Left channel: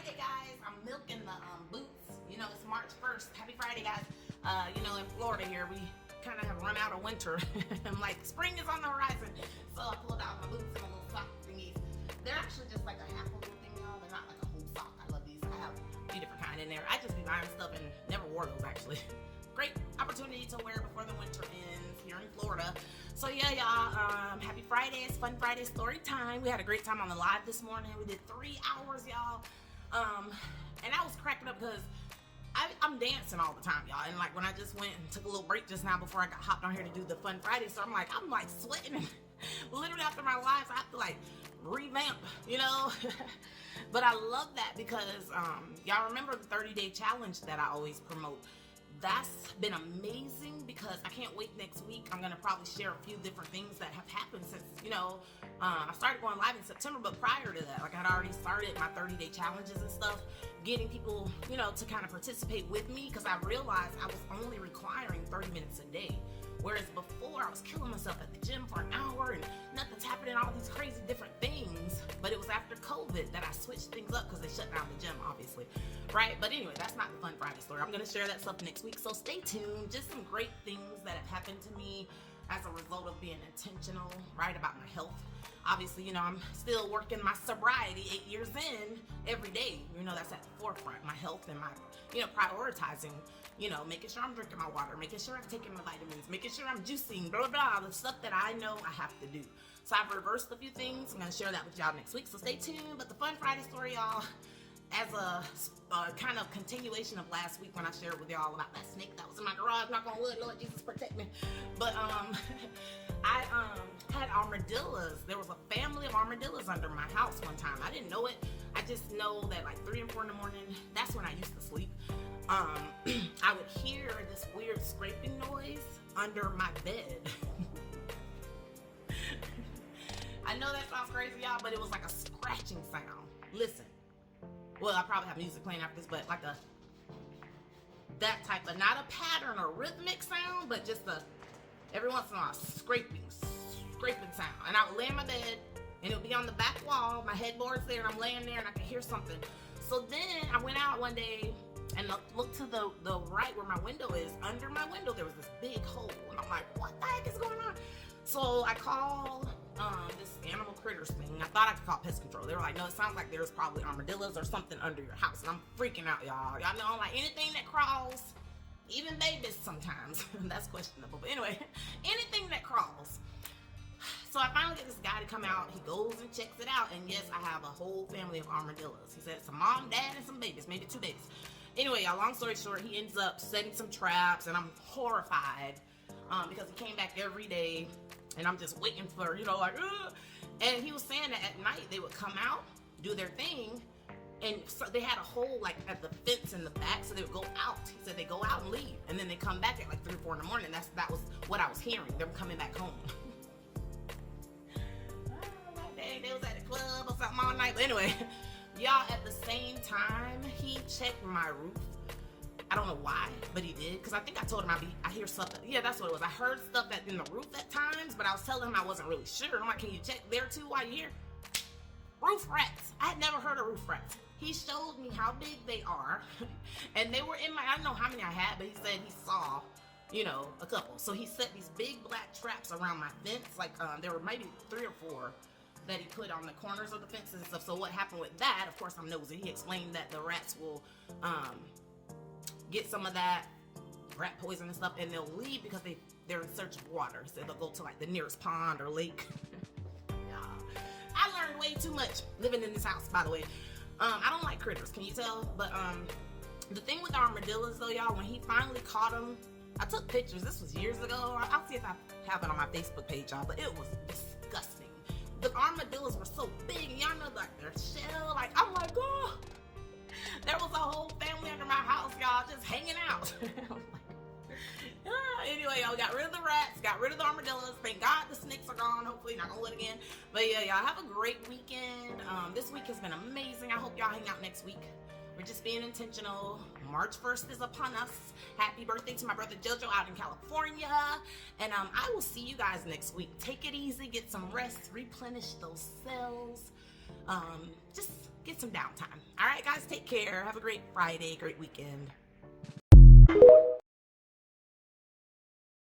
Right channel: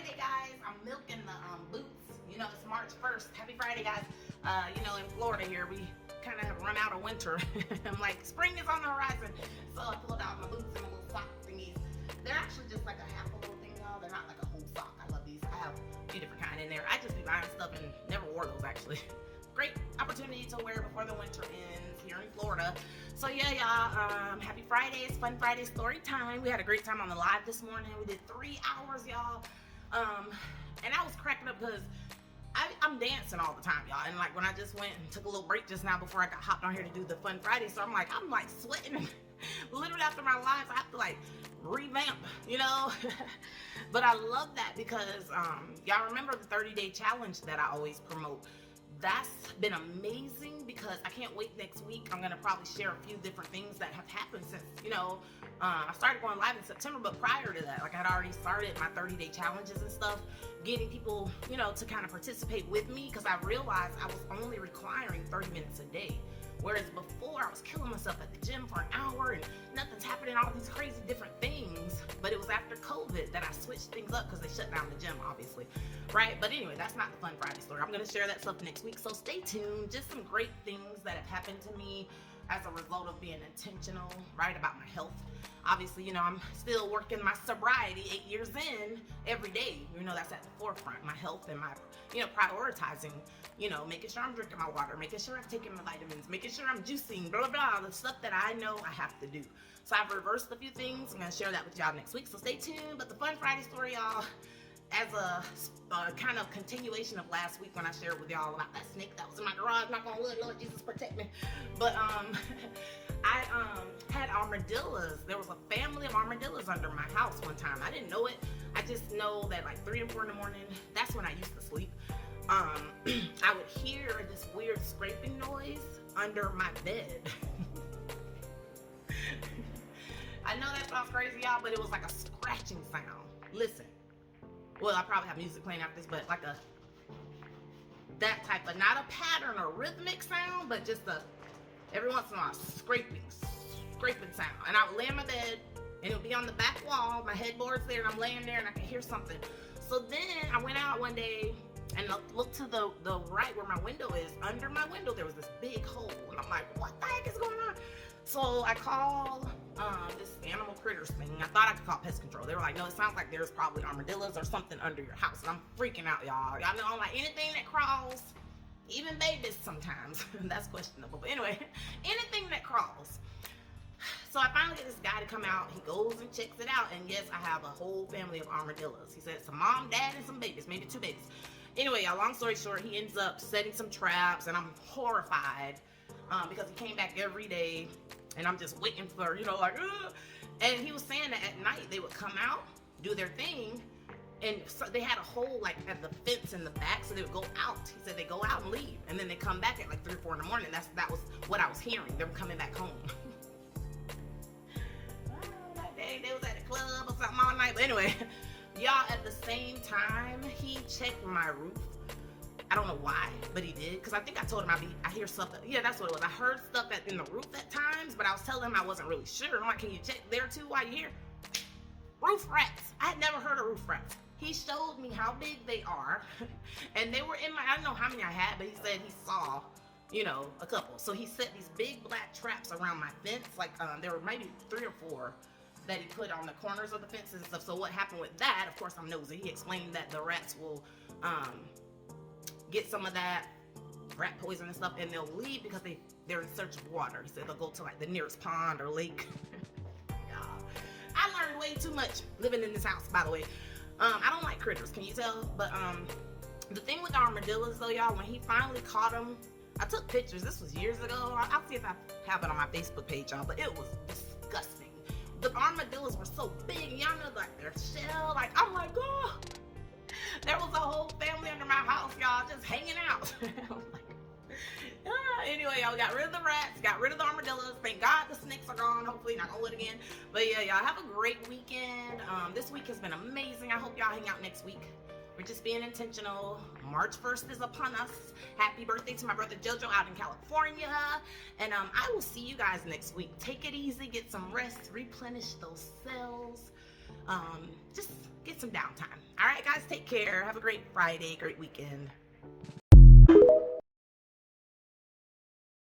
Friday, guys. I'm milking the boots. You know, it's March 1st. Happy Friday, guys. You know, in Florida here, we kind of have run out of winter. I'm like, spring is on the horizon. So I pulled out my boots and my little sock thingies. They're actually just like a half a little thing, y'all. They're not like a whole sock. I love these. I have a few different kind in there. I just be buying stuff and never wore those, actually. Great opportunity to wear before the winter ends here in Florida. So yeah, y'all, happy Friday. It's Fun Friday story time. We had a great time on the live this morning. We did 3 hours, y'all. And I was cracking up because I'm dancing all the time, y'all. And like when I just went and took a little break just now before I got hopped on here to do the Fun Friday, so I'm like sweating. Literally after my lives, I have to like revamp, you know. But I love that because y'all remember the 30-day challenge that I always promote. That's been amazing because I can't wait next week. I'm gonna probably share a few different things that have happened since, you know, I started going live in September, but prior to that, like I'd already started my 30-day challenges and stuff, getting people, you know, to kind of participate with me because I realized I was only requiring 30 minutes a day. Whereas before I was killing myself at the gym for an hour and nothing's happening, all these crazy different things. But it was after COVID that I switched things up because they shut down the gym, obviously, right? But anyway, that's not the Fun Friday story. I'm gonna share that stuff next week, so stay tuned. Just some great things that have happened to me as a result of being intentional, right, about my health. Obviously, you know, I'm still working my sobriety 8 years in every day. You know, that's at the forefront, my health and my, you know, prioritizing, you know, making sure I'm drinking my water, making sure I'm taking my vitamins, making sure I'm juicing, blah, blah, blah, the stuff that I know I have to do. So I've reversed a few things. I'm going to share that with y'all next week, so stay tuned. But the Fun Friday story, y'all, as a kind of continuation of last week when I shared with y'all about that snake that was in my garage, knock on wood, Lord Jesus protect me. But I had armadillos. There was a family of armadillos under my house one time. I didn't know it. I just know that like 3 and 4 in the morning, that's when I used to sleep. I would hear this weird scraping noise under my bed. I know that sounds crazy, y'all, but it was like a scratching sound. Listen. Well, I probably have music playing after this, but like that type of, not a pattern or rhythmic sound, but just every once in a while, scraping sound. And I would lay in my bed, and it would be on the back wall, my headboard's there, and I'm laying there, and I could hear something. So then I went out one day, and looked to the right where my window is. Under my window, there was this big hole, and I'm like, what the heck is going on? So I called this animal critters thing. I thought I could call pest control. They were like, no, it sounds like there's probably armadillos or something under your house. And I'm freaking out, y'all. Y'all know, like anything that crawls, even babies sometimes, that's questionable. But anyway, anything that crawls. So I finally get this guy to come out. He goes and checks it out. And yes, I have a whole family of armadillos. He said it's a mom, dad, and some babies, maybe 2 babies. Anyway, y'all, long story short, he ends up setting some traps, and I'm horrified because he came back every day. And I'm just waiting for, you know, like, ugh. And he was saying that at night they would come out, do their thing, and so they had a hole like at the fence in the back, so they would go out. He said they go out and leave, and then they come back at like 3 or 4 in the morning. That was what I was hearing, them coming back home. That day they was at the club or something all night. But anyway, y'all, at the same time, he checked my roof. I don't know why, but he did. Because I think I told him I hear something. Yeah, that's what it was. I heard stuff in the roof at times, but I was telling him I wasn't really sure. I'm like, can you check there too while you're here? Roof rats. I had never heard of roof rats. He showed me how big they are. And they were in I don't know how many I had, but he said he saw, you know, a couple. So he set these big black traps around my fence. Like there were maybe 3 or 4 that he put on the corners of the fences and stuff. So what happened with that, of course I'm nosy. He explained that the rats will get some of that rat poison and stuff, and they'll leave because they're in search of water. So they'll go to like the nearest pond or lake. Yeah. I learned way too much living in this house, by the way. I don't like critters, can you tell? But the thing with the armadillos though, y'all, when he finally caught them, I took pictures. This was years ago. I'll see if I have it on my Facebook page, y'all, but it was disgusting. The armadillos were so big, y'all know, like their shell, like I'm like, oh. There was a whole family under my house, y'all, just hanging out. I'm like, anyway, y'all, we got rid of the rats, got rid of the armadillos. Thank God the snakes are gone. Hopefully not gonna live again. But yeah, y'all have a great weekend. This week has been amazing. I hope y'all hang out next week. We're just being intentional. March 1st is upon us. Happy birthday to my brother Jojo out in California. And I will see you guys next week. Take it easy, get some rest, replenish those cells. Just get get some downtime. All right, guys, take care. Have a great Friday, great weekend.